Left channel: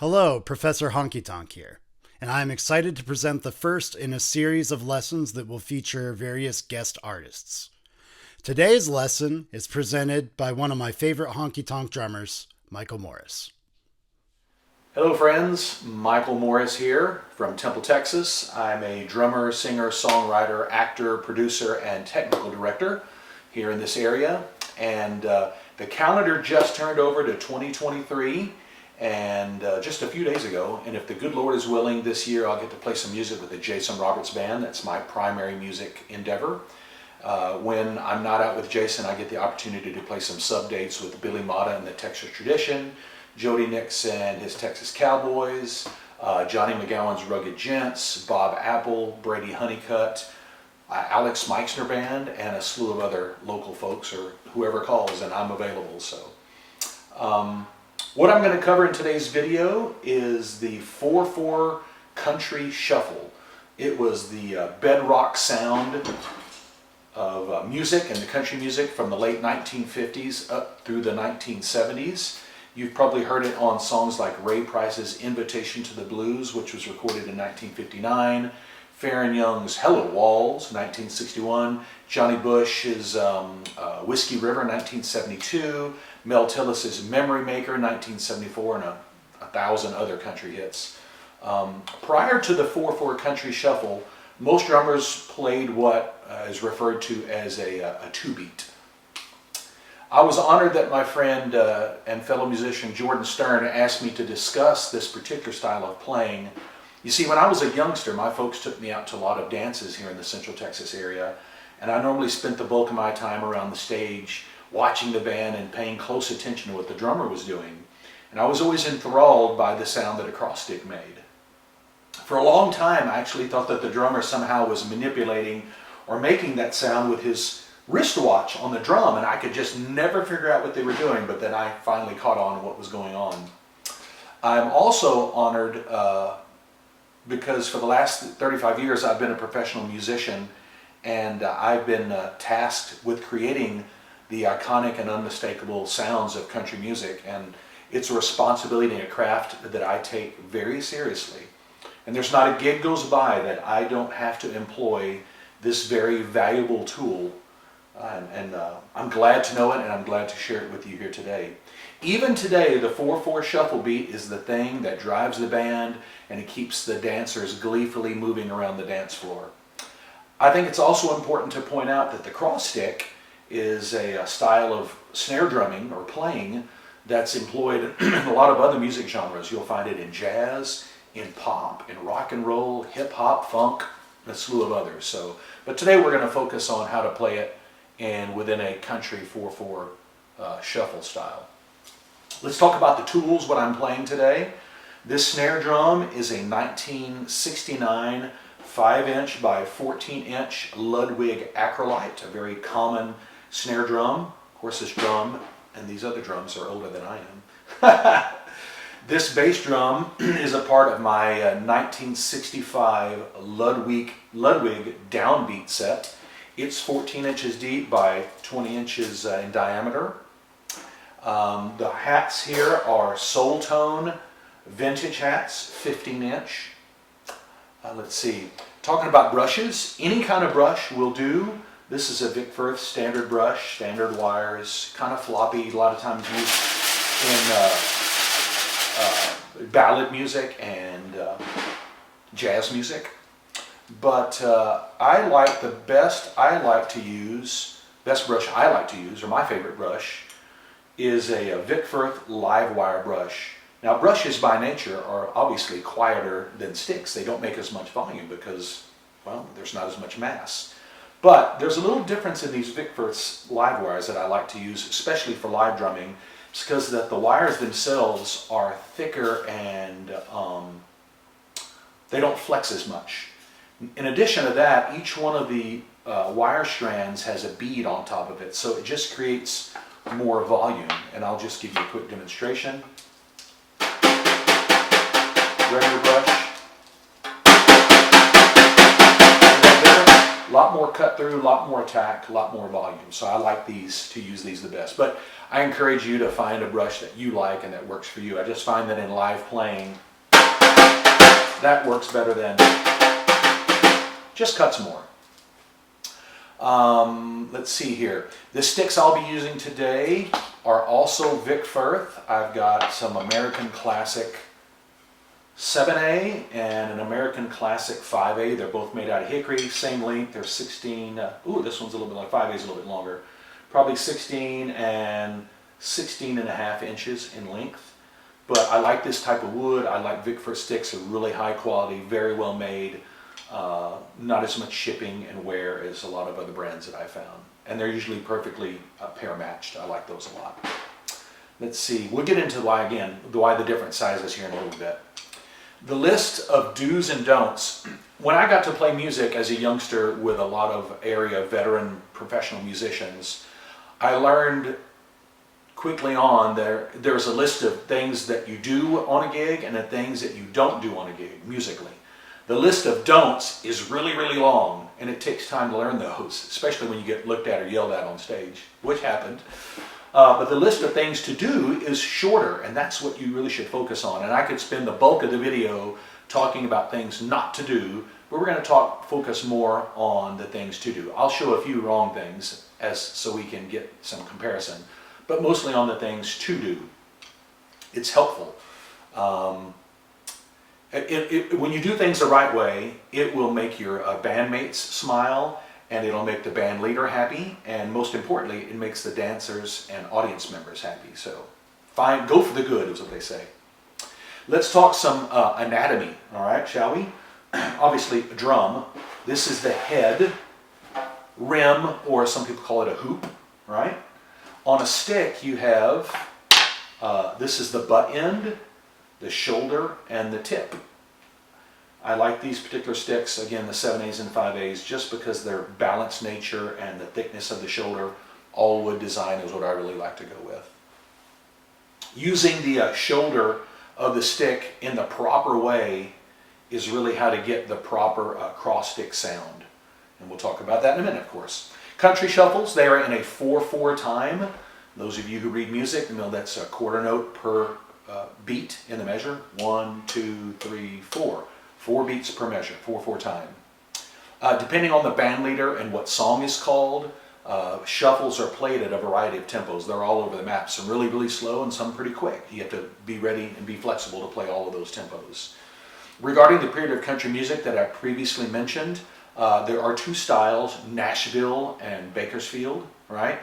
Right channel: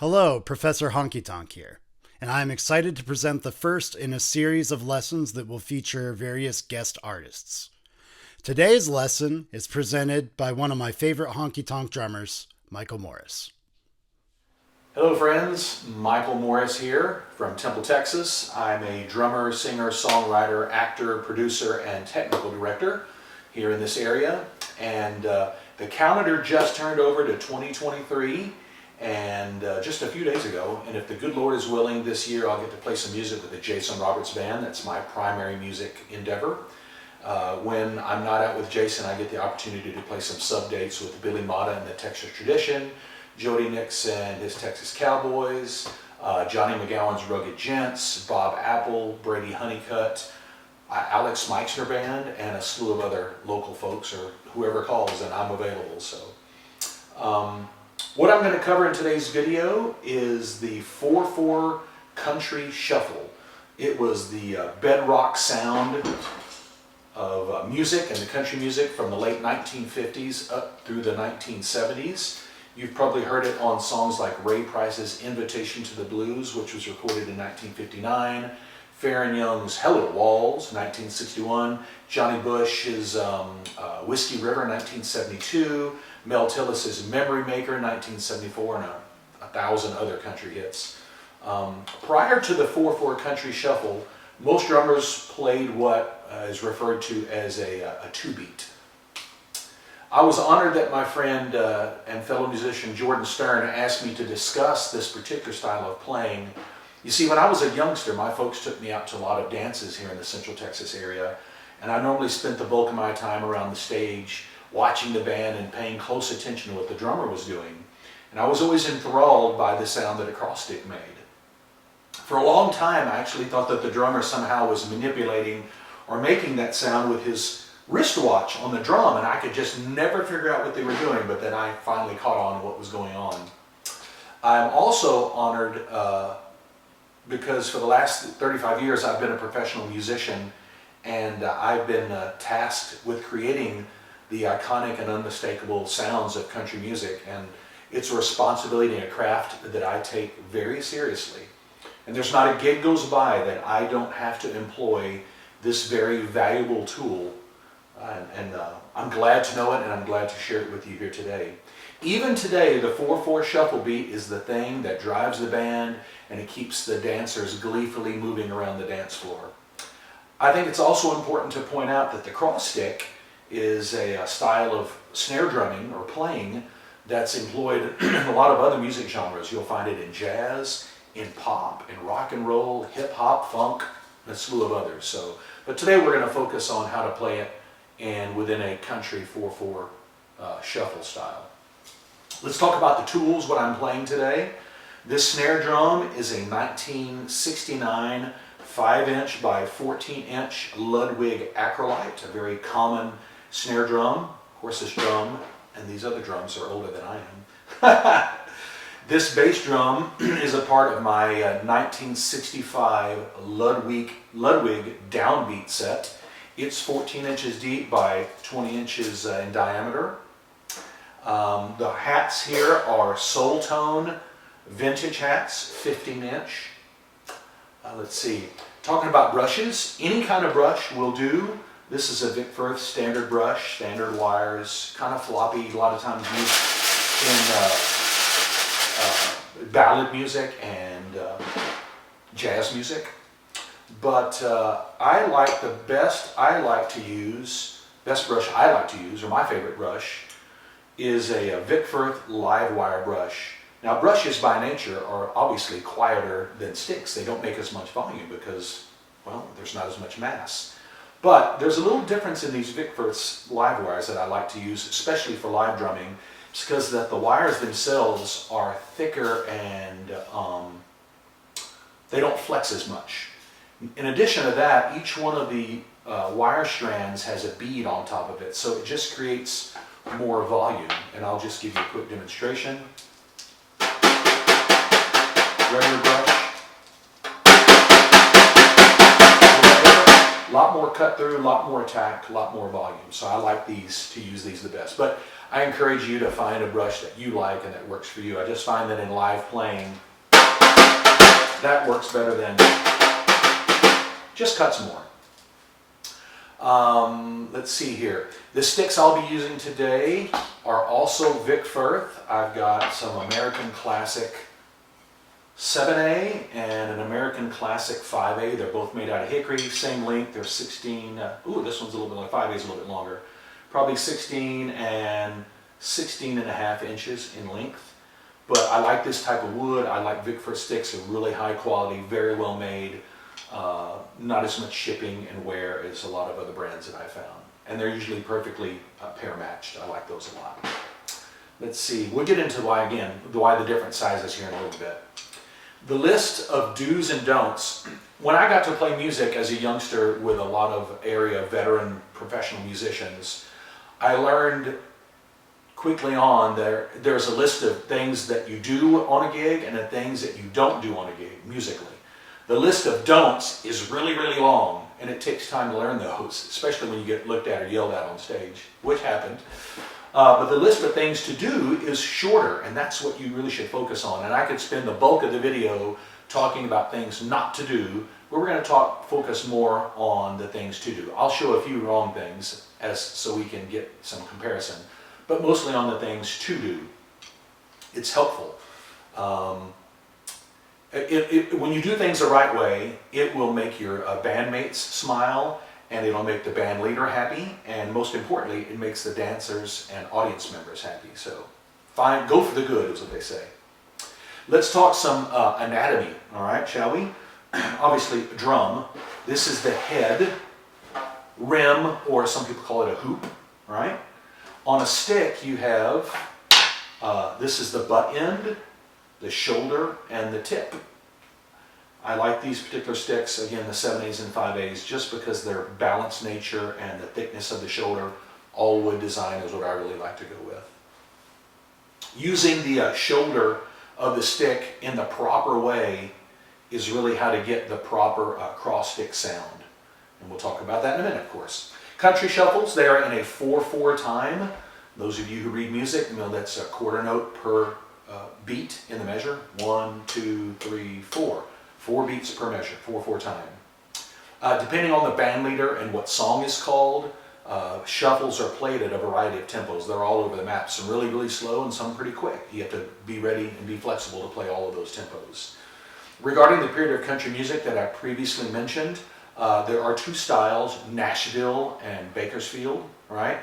Hello, Professor Honky Tonk here, and I am excited to present the first in a series of lessons that will feature various guest artists. Today's lesson is presented by one of my favorite honky tonk drummers, Michael Morris. Hello friends, Michael Morris here from Temple, Texas. I'm a drummer, singer, songwriter, actor, producer, and technical director here in this area. And the calendar just turned over to 2023 and just a few days ago. And if the good Lord is willing, this year I'll get to play some music with the Jason Roberts Band. That's my primary music endeavor. When I'm not out with Jason, I get the opportunity to play some sub dates with Billy Mata and the Texas Tradition, Jody Nixon and his Texas Cowboys, Johnny McGowan's Rugged Gents, Bob Apple, Brady Honeycutt, Alex Meixner Band, and a slew of other local folks, or whoever calls, and I'm available. So, what I'm going to cover in today's video is the 4/4 Country Shuffle. It was the bedrock sound of music and the country music from the late 1950s up through the 1970s. You've probably heard it on songs like Ray Price's Invitation to the Blues, which was recorded in 1959, Farron Young's Hello Walls, 1961, Johnny Bush's Whiskey River, 1972, Mel Tillis's Memory Maker, 1974, and a thousand other country hits. Prior to the 4/4 Country Shuffle, most drummers played what is referred to as a two-beat. I was honored that my friend and fellow musician Jordan Stern asked me to discuss this particular style of playing. You see, when I was a youngster, my folks took me out to a lot of dances here in the Central Texas area, and I normally spent the bulk of my time around the stage watching the band and paying close attention to what the drummer was doing. And I was always enthralled by the sound that a cross stick made. For a long time, I actually thought that the drummer somehow was manipulating or making that sound with his wristwatch on the drum, and I could just never figure out what they were doing, but then I finally caught on what was going on. I'm also honored because for the last 35 years I've been a professional musician, and I've been tasked with creating the iconic and unmistakable sounds of country music, and it's a responsibility and a craft that I take very seriously. And there's not a gig goes by that I don't have to employ this very valuable tool. I'm glad to know it, and I'm glad to share it with you here today. Even today, the 4/4 shuffle beat is the thing that drives the band, and it keeps the dancers gleefully moving around the dance floor. I think it's also important to point out that the cross stick is a style of snare drumming or playing that's employed in a lot of other music genres. You'll find it in jazz, in pop, in rock and roll, hip hop, funk, and a slew of others. But today we're going to focus on how to play it and within a country 4/4 shuffle style. Let's talk about the tools, what I'm playing today. This snare drum is a 1969 5-inch by 14-inch Ludwig Acrolite, a very common snare drum. Of course, this drum and these other drums are older than I am. This bass drum is a part of my 1965 Ludwig downbeat set. It's 14 inches deep by 20 inches in diameter. The hats here are Soul Tone vintage hats, 15-inch. Let's see, talking about brushes, any kind of brush will do. This is a Vic Firth standard brush, standard wires, kind of floppy, a lot of times used in ballad music and jazz music. But I like the best brush I like to use, or my favorite brush, is a Vic Firth live wire brush. Now, brushes by nature are obviously quieter than sticks. They don't make as much volume because, well, there's not as much mass. But there's a little difference in these Vic Firth's live wires that I like to use, especially for live drumming. It's because that the wires themselves are thicker and they don't flex as much. In addition to that, each one of the wire strands has a bead on top of it, so it just creates more volume. And I'll just give you a quick demonstration. Regular brush. A lot lot more cut through, a lot more attack, a lot more volume. So I like these, to use these the best. But I encourage you to find a brush that you like and that works for you. I just find that in live playing, that works better than just cuts more. Let's see here. The sticks I'll be using today are also Vic Firth. I've got some American Classic 7A and an American Classic 5A. They're both made out of hickory, same length. They're 16, this one's a little bit like 5A is a little bit longer. Probably 16 and 16 and a half inches in length. But I like this type of wood. I like Vic Firth sticks. They're really high quality, very well made. Not as much shipping and wear as a lot of other brands that I found. And they're usually perfectly pair matched. I like those a lot. Let's see, we'll get into why the different sizes here in a little bit. The list of do's and don'ts. When I got to play music as a youngster with a lot of area veteran professional musicians, I learned quickly on there's a list of things that you do on a gig and the things that you don't do on a gig musically. The list of don'ts is really, really long, and it takes time to learn those, especially when you get looked at or yelled at on stage, which happened. But the list of things to do is shorter, and that's what you really should focus on. And I could spend the bulk of the video talking about things not to do, but we're going to focus more on the things to do. I'll show a few wrong things so we can get some comparison, but mostly on the things to do. It's helpful. When you do things the right way, it will make your bandmates smile, and it'll make the band leader happy, and most importantly, it makes the dancers and audience members happy. So go for the good, is what they say. Let's talk some anatomy, all right, shall we? Obviously, a drum. This is the head, rim, or some people call it a hoop, right? On a stick, you have, this is the butt end, the shoulder, and the tip. I like these particular sticks, again the 7As and 5As, just because their balanced nature and the thickness of the shoulder. All wood design is what I really like to go with. Using the shoulder of the stick in the proper way is really how to get the proper cross stick sound. And we'll talk about that in a minute, of course. Country shuffles, they are in a 4/4 time. Those of you who read music know that's a quarter note per beat in the measure. 1, 2, 3, 4. 4 beats per measure, 4/4 time. Depending on the band leader and what song is called, shuffles are played at a variety of tempos. They're all over the map. Some really, really slow and some pretty quick. You have to be ready and be flexible to play all of those tempos. Regarding the period of country music that I previously mentioned, there are two styles, Nashville and Bakersfield, right?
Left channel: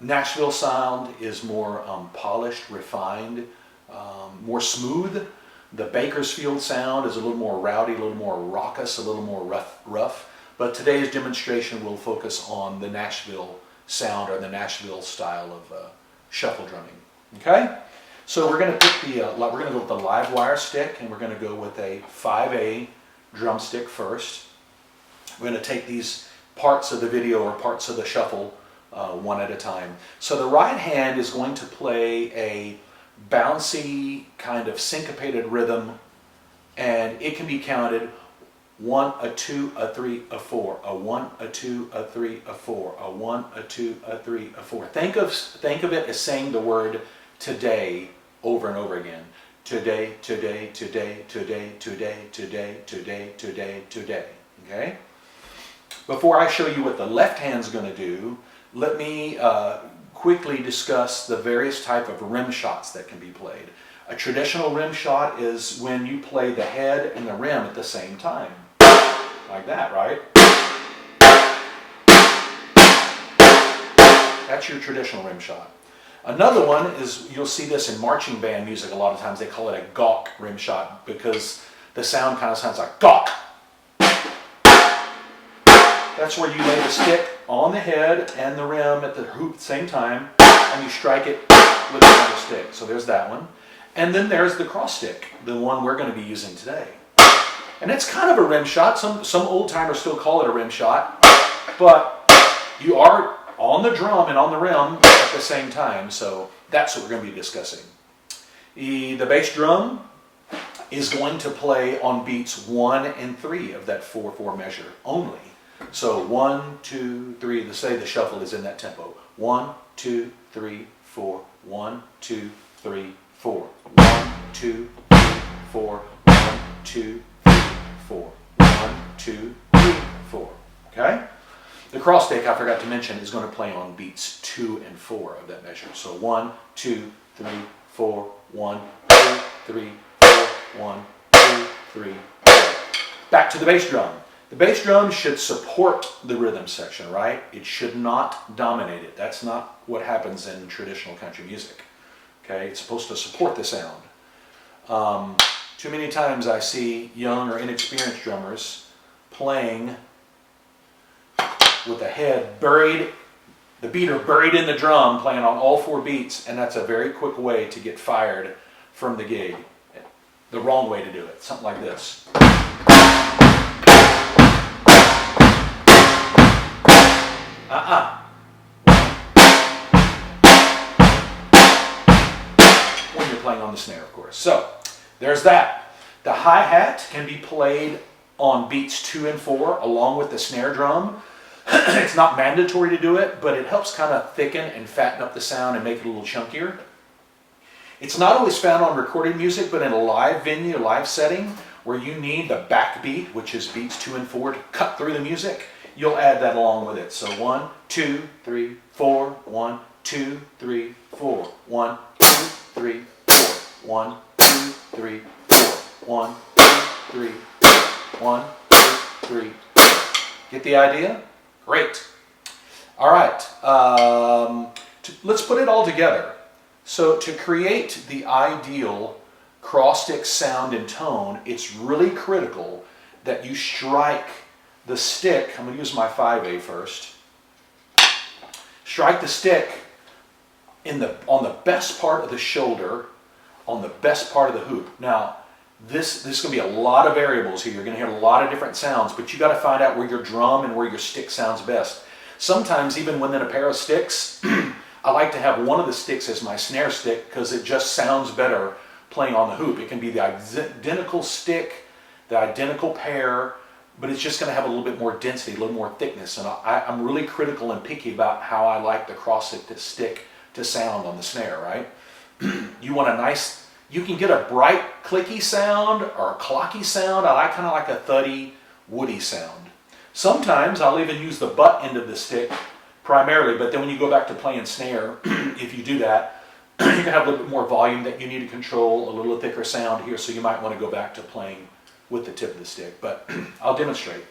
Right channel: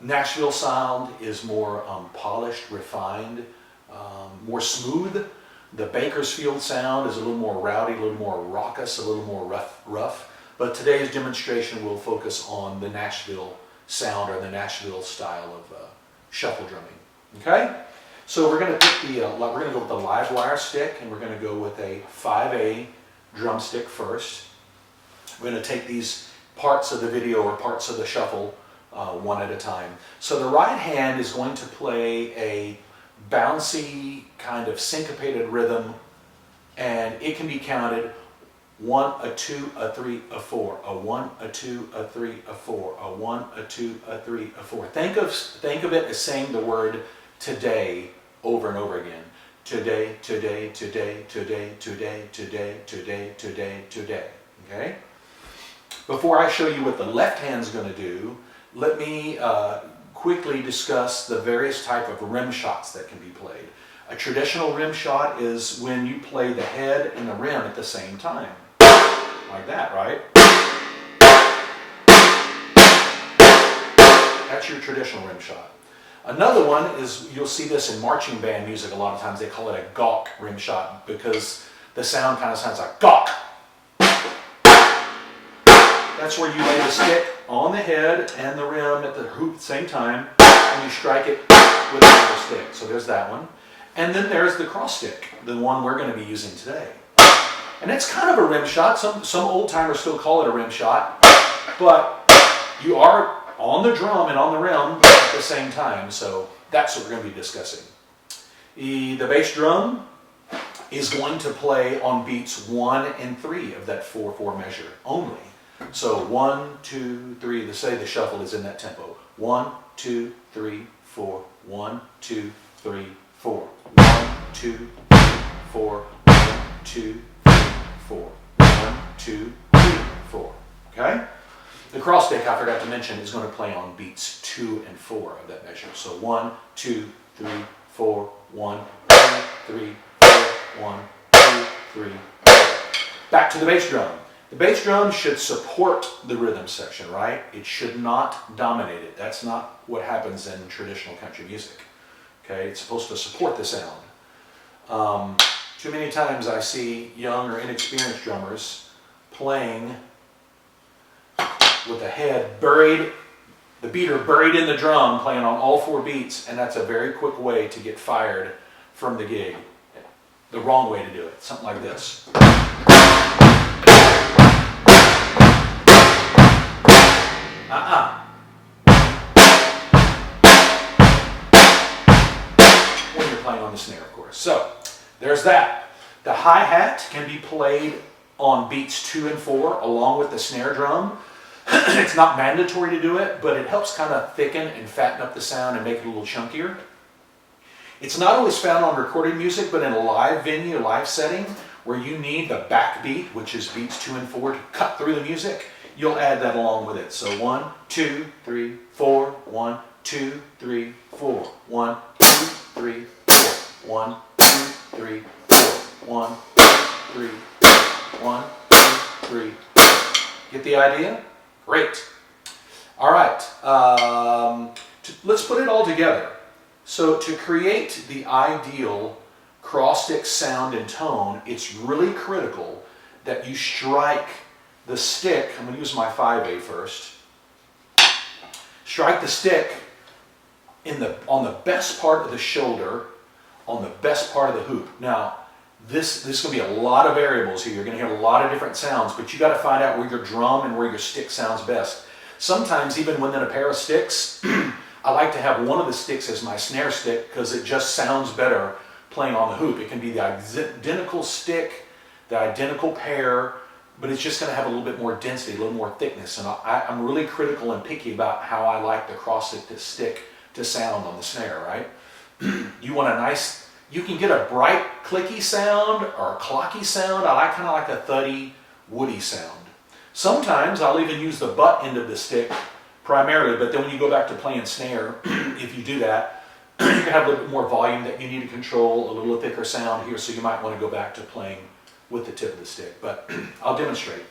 Nashville sound is more polished, refined, more smooth. The Bakersfield sound is a little more rowdy, a little more raucous, a little more rough. But today's demonstration will focus on the Nashville sound or the Nashville style of shuffle drumming. Okay, so we're going to go with the live wire stick, and we're going to go with a 5A drumstick first. We're going to take these parts of the video or parts of the shuffle one at a time. So the right hand is going to play a bouncy kind of syncopated rhythm, and it can be counted 1, a 2, a 3, a 4, a 1, a 2, a 3, a 4, a 1, a 2, a 3, a 4. Think of it as saying the word today over and over again. Today, today, today, today, today, today, today, today, today. Okay? Before I show you what the left hand's going to do, let me quickly discuss the various type of rim shots that can be played. A traditional rim shot is when you play the head and the rim at the same time. Like that, right? That's your traditional rim shot. Another one is, you'll see this in marching band music a lot of times, they call it a gawk rim shot because the sound kind of sounds like gawk. That's where you lay the stick on the head and the rim at the hoop at the same time, and you strike it with another stick. So there's that one. And then there's the cross stick, the one we're going to be using today. And it's kind of a rim shot. Some old timers still call it a rim shot, but you are on the drum and on the rim at the same time. So that's what we're going to be discussing. The bass drum is going to play on beats 1 and 3 of that 4/4 measure only. So 1, 2, 3. Let's say the shuffle is in that tempo. 1, 2, 3, 4. 1, 2, 3, 4. 1, 2, 3, 4. 1, 2, 3, 4. 1, 2, 3, 4. Okay? The cross stick, I forgot to mention, is going to play on beats 2 and 4 of that measure. So 1, 2, 3, 4, 1, 2, 3, 4, 1, 2, 3, 4. Back to the bass drum. The bass drum should support the rhythm section, right? It should not dominate it. That's not what happens in traditional country music. Okay, it's supposed to support the sound. Too many times I see young or inexperienced drummers playing with the head buried, the beater buried in the drum, playing on all 4 beats, and that's a very quick way to get fired from the gig. The wrong way to do it, something like this. When you're playing on the snare, of course. So, there's that. The hi-hat can be played on beats 2 and 4 along with the snare drum. It's not mandatory to do it, but it helps kind of thicken and fatten up the sound and make it a little chunkier. It's not always found on recorded music, but in a live venue, live setting, where you need the backbeat, which is beats 2 and 4, to cut through the music, you'll add that along with it. So 1, 2, 3, 4, 1, 2, 3, 4, 1, 2, 3, 4, 1, 2, 3, 4, 1, 2, 3, 4, 1, 2, 3, 4. Get the idea? Great. All right, let's put it all together. So to create the ideal cross-stick sound and tone, it's really critical that you strike the stick. I'm going to use my 5A first. Strike the stick on the best part of the shoulder, on the best part of the hoop. Now, this is going to be a lot of variables here. You're going to hear a lot of different sounds, but you got to find out where your drum and where your stick sounds best. Sometimes even within a pair of sticks, I like to have one of the sticks as my snare stick because it just sounds better playing on the hoop. It can be the identical stick, the identical pair, but it's just going to have a little bit more density, a little more thickness. And I'm really critical and picky about how I like the cross stick to sound on the snare, right? You want a nice, you can get a bright clicky sound or a clocky sound. I kind of like a thuddy, woody sound. Sometimes I'll even use the butt end of the stick primarily, but then when you go back to playing snare, if you do that, you're going to have a little bit more volume that you need to control, a little thicker sound here, so you might want to go back to playing with the tip of the stick. But I'll demonstrate.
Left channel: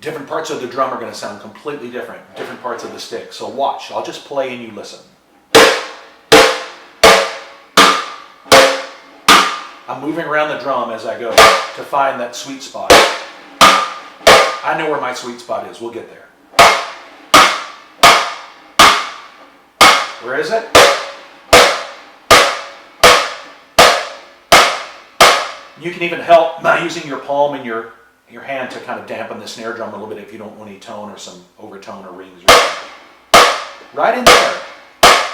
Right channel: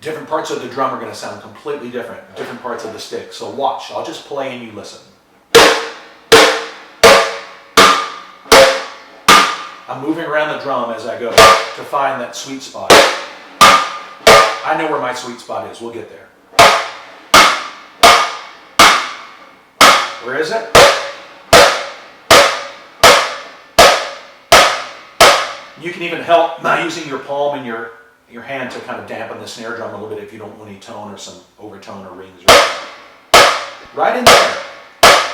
Different parts of the drum are going to sound completely different, different parts of the stick. So watch. I'll just play and you listen. I'm moving around the drum as I go to find that sweet spot. I know where my sweet spot is. We'll get there. Where is it? You can even help by using your palm and your hand to kind of dampen the snare drum a little bit if you don't want any tone or some overtone or rings. Right in there.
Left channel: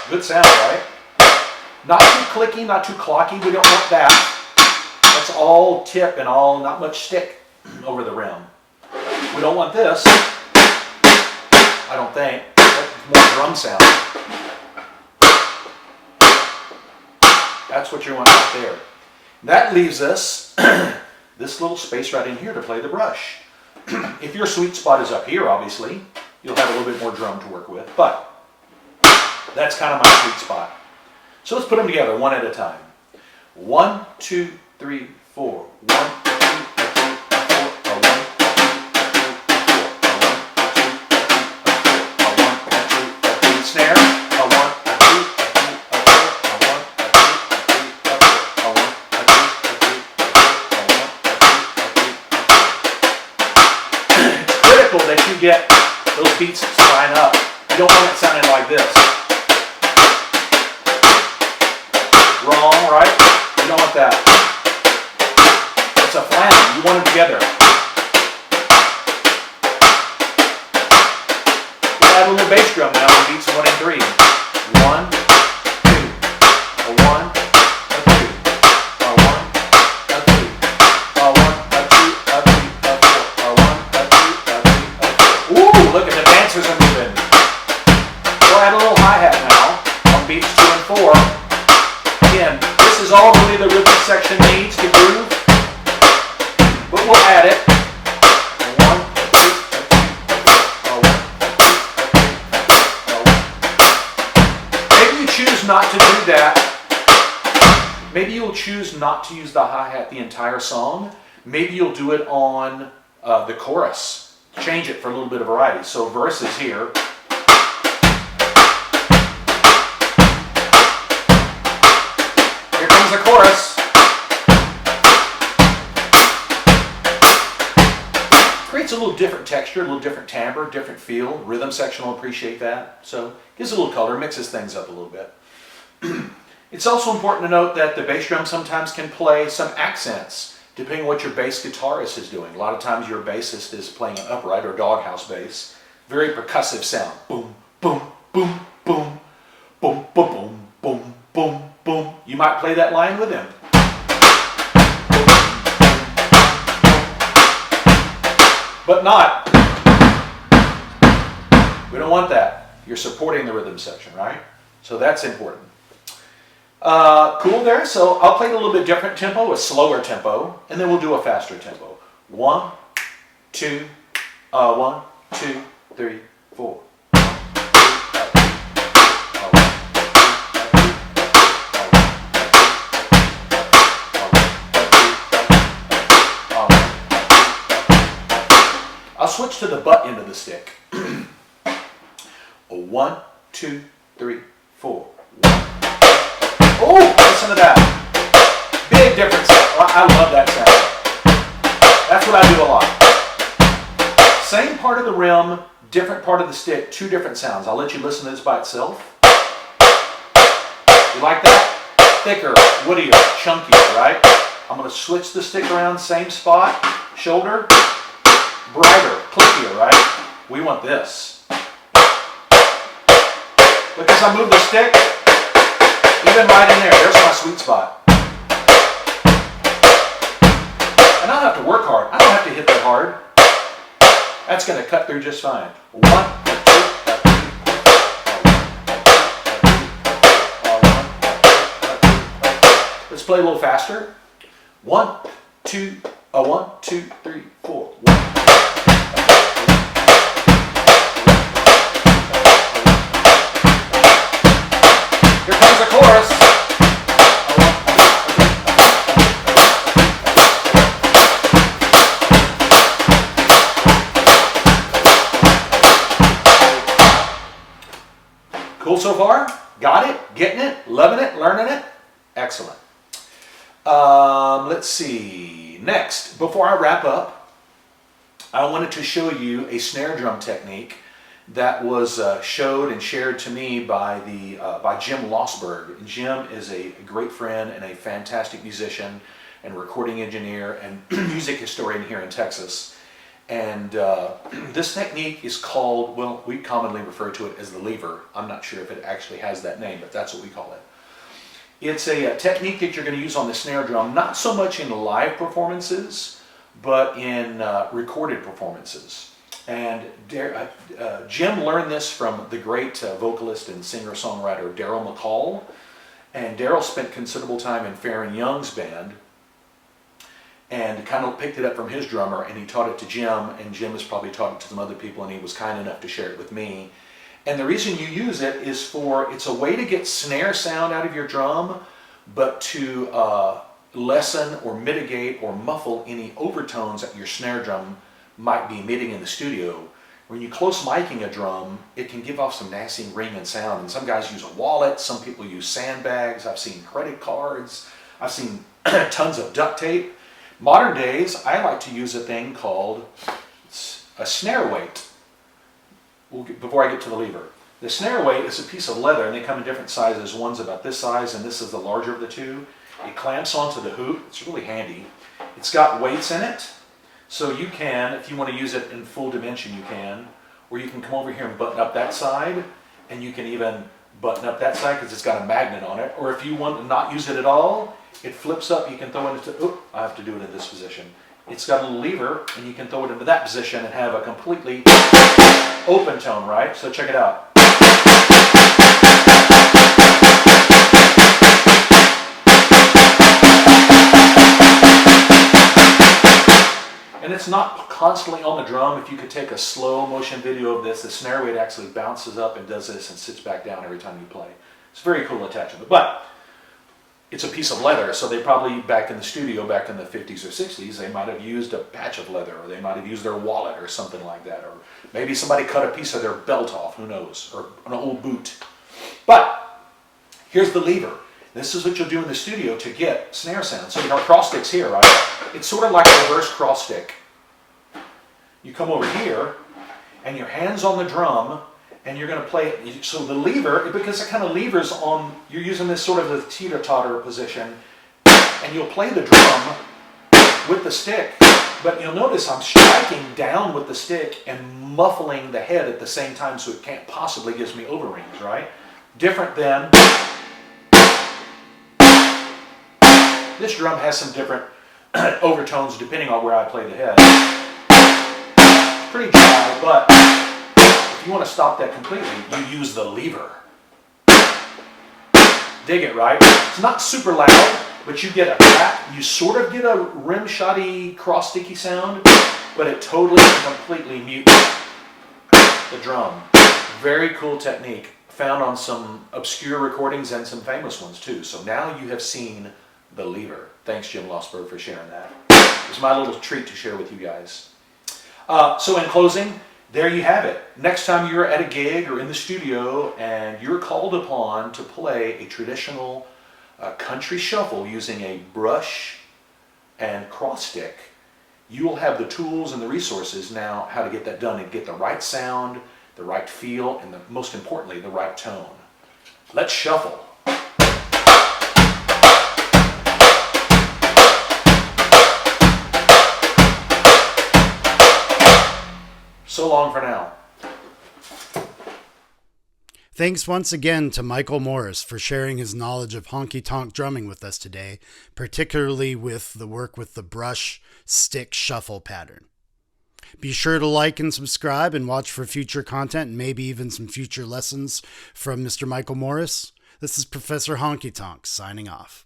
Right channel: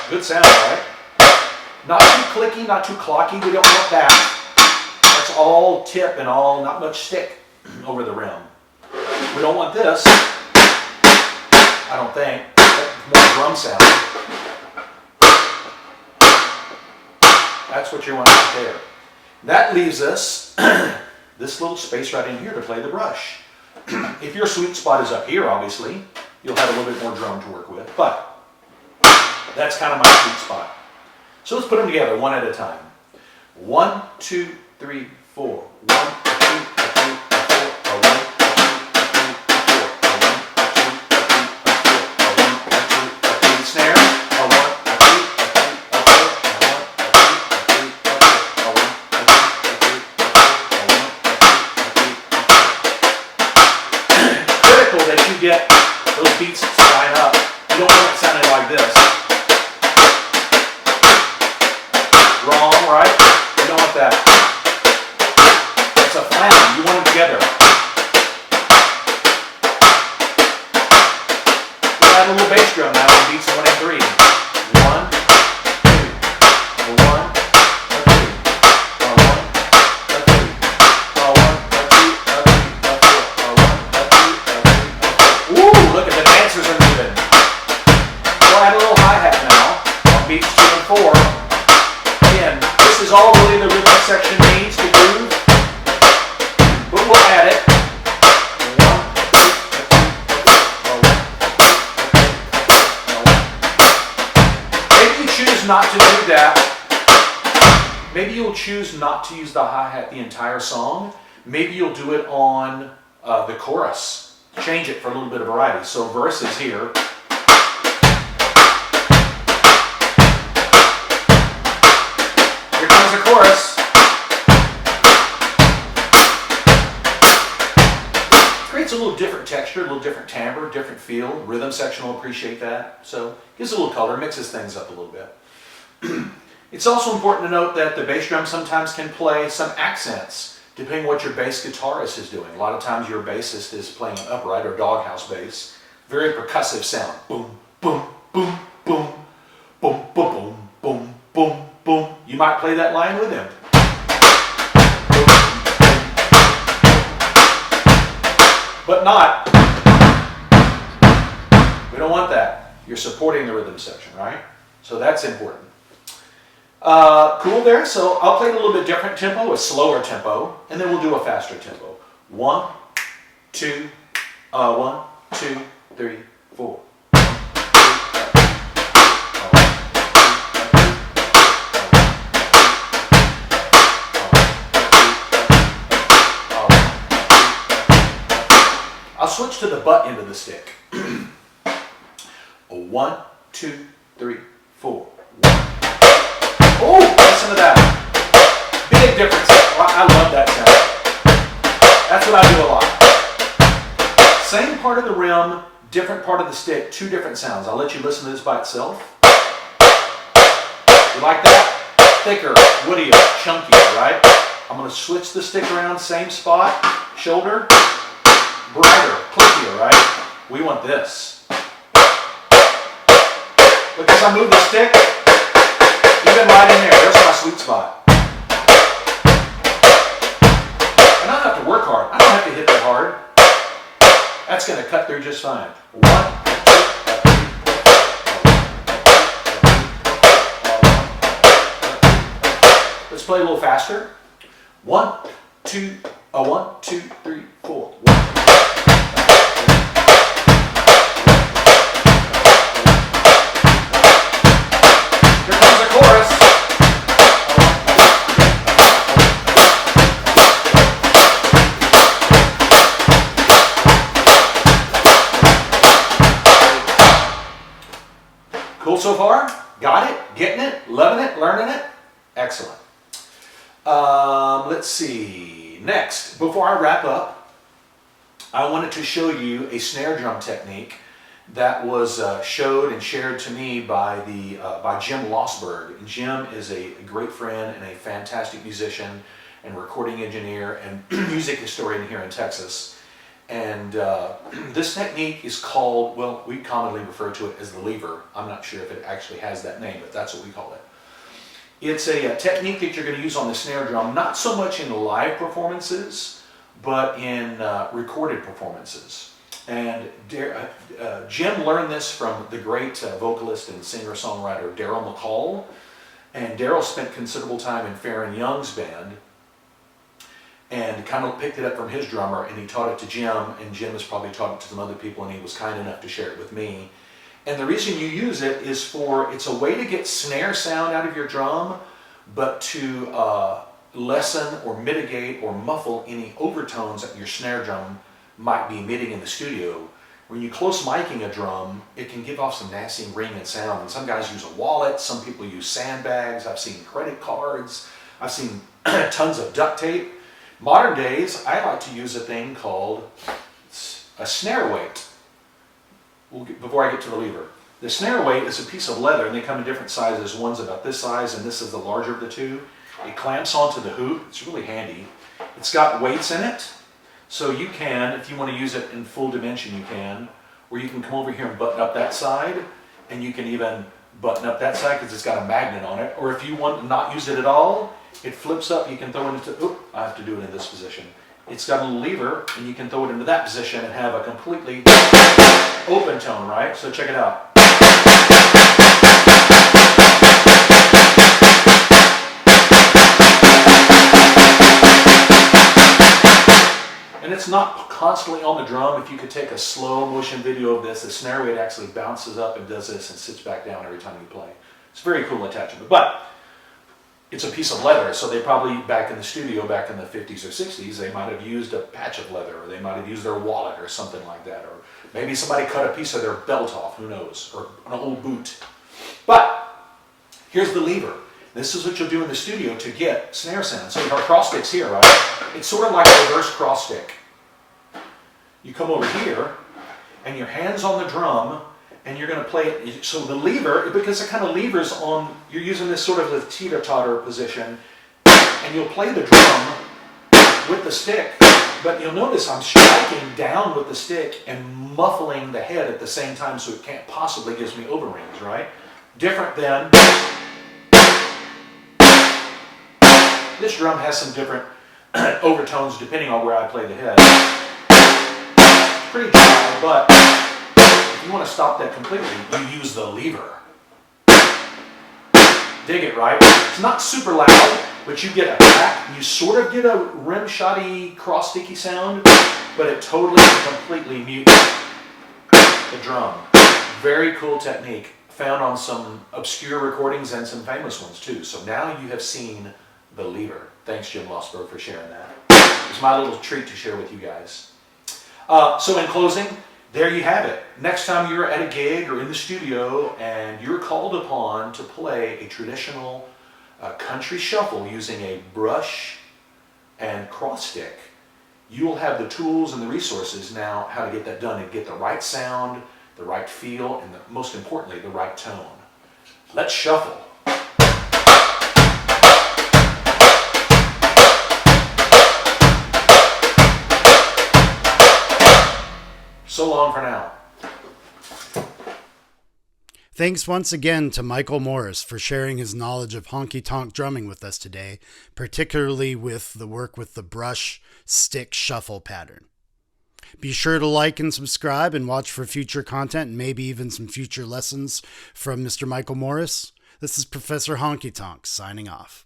Good sound, right? Not too clicky, not too clocky. We don't want that. That's all tip and all, not much stick over the rim. We don't want this. I don't think. That's more drum sound. That's what you want right there. That leaves us this little space right in here to play the brush. If your sweet spot is up here, obviously, you'll have a little bit more drum to work with, but that's kind of my sweet spot. So let's put them together one at a time. 1, 2, 3, 4. 1, 2, 3, 4. 1, 2, 3, 4. Snare. That you get those beats to line up. You don't want it sounding like this. Wrong, right? You don't want that. It's a flange. You want them together. We'll add a little bass drum now on beats 1 and 3. 1, 2, a 1, a 2, a 1, a 2, a 1, a 2, a 3, a 4, a 1, a 2, a 3. section needs to groove, but we'll add it. Maybe you choose not to do that. Maybe you'll choose not to use the hi-hat the entire song. Maybe you'll do it on the chorus. Change it for a little bit of variety. So verses here. Here comes the chorus. Creates a little different texture, a little different timbre, different feel. Rhythm section will appreciate that. So gives a little color, mixes things up a little bit. It's also important to note that the bass drum sometimes can play some accents, depending on what your bass guitarist is doing. A lot of times your bassist is playing an upright or doghouse bass. Very percussive sound. Boom, boom, boom, boom, boom, boom, boom, boom, boom, boom. You might play that line with him. But not. We don't want that. You're supporting the rhythm section, right? So that's important. Cool there. So I'll play it a little bit different tempo, a slower tempo, and then we'll do a faster tempo. 1, 2, 1, 2, 3, 4. I'll switch to the butt end of the stick. 1, 2, 3, 4. Oh, listen to that. Big difference. I love that sound. That's what I do a lot. Same part of the rim, different part of the stick, two different sounds. I'll let you listen to this by itself. You like that? Thicker, woodier, chunkier, right? I'm going to switch the stick around, same spot, shoulder, brighter, clickier, right? We want this. Look as I move the stick. Even right in there, there's my sweet spot. And I don't have to work hard. I don't have to hit that hard. That's going to cut through just fine. 1, 2, 3, 4. Let's play a little faster. 1, 2, 1, 2, 3, 4. 1. Here comes the chorus. Cool so far? Got it? Getting it? Loving it? Learning it? Excellent. Let's see. Next, before I wrap up, I wanted to show you a snare drum technique that was showed and shared to me by Jim Lossberg. And Jim is a great friend and a fantastic musician and recording engineer and music historian here in Texas. And this technique is called, well, we commonly refer to it as the lever. I'm not sure if it actually has that name, but that's what we call it. It's a technique that you're going to use on the snare drum, not so much in live performances, but in recorded performances. And Jim learned this from the great vocalist and singer-songwriter Daryl McCall. And Daryl spent considerable time in Farron Young's band and kind of picked it up from his drummer, and he taught it to Jim, and Jim has probably taught it to some other people, and he was kind enough to share it with me. And the reason you use it is it's a way to get snare sound out of your drum, but to lessen or mitigate or muffle any overtones that your snare drum might be emitting in the studio. When you close micing a drum, it can give off some nasty ringing sound. And some guys use a wallet, some people use sandbags, I've seen credit cards, I've seen tons of duct tape. Modern days, I like to use a thing called a snare weight. Before I get to the lever. The snare weight is a piece of leather, and they come in different sizes. One's about this size, and this is the larger of the two. It clamps onto the hoop. It's really handy. It's got weights in it, so you can, if you want to use it in full dimension, you can. Or you can come over here and button up that side, and you can even button up that side because it's got a magnet on it. Or if you want to not use it at all, it flips up. You can throw it into, I have to do it in this position. It's got a little lever, and you can throw it into that position and have a completely open tone, right? So check it out. And it's not constantly on the drum. If you could take a slow motion video of this, the snare weight actually bounces up and does this and sits back down every time you play. It's a very cool attachment. But it's a piece of leather, so they probably, back in the studio, back in the 50s or 60s, they might have used a patch of leather, or they might have used their wallet or something like that, or maybe somebody cut a piece of their belt off, who knows, or an old boot. But here's the lever. This is what you'll do in the studio to get snare sound. So our cross stick's here, right? It's sort of like a reverse cross stick. You come over here, and your hand's on the drum, and you're going to play it. So the lever, because it kind of levers on, you're using this sort of a teeter-totter position, and you'll play the drum with the stick, but you'll notice I'm striking down with the stick and muffling the head at the same time, so it can't possibly give me overrings, right? Different than, this drum has some different overtones depending on where I play the head. It's pretty dry, but if you want to stop that completely, you use the lever. Dig it, right? It's not super loud, but you get a crack. You sort of get a rim-shotty, cross-sticky sound, but it totally and completely mutes the drum. Very cool technique, found on some obscure recordings and some famous ones too. So now you have seen the lever. Thanks, Jim Lossberg, for sharing that. It's my little treat to share with you guys. So in closing, there you have it. Next time you're at a gig or in the studio and you're called upon to play a traditional country shuffle using a brush and cross stick, you will have the tools and the resources now how to get that done and get the right sound, the right feel, and most importantly, the right tone. Let's shuffle. So long for now. Thanks once again to Michael Morris for sharing his knowledge of honky tonk drumming with us today, particularly with the work with the brush stick shuffle pattern. Be sure to like and subscribe and watch for future content and maybe even some future lessons from Mr. Michael Morris. This is Professor Honky Tonk signing off.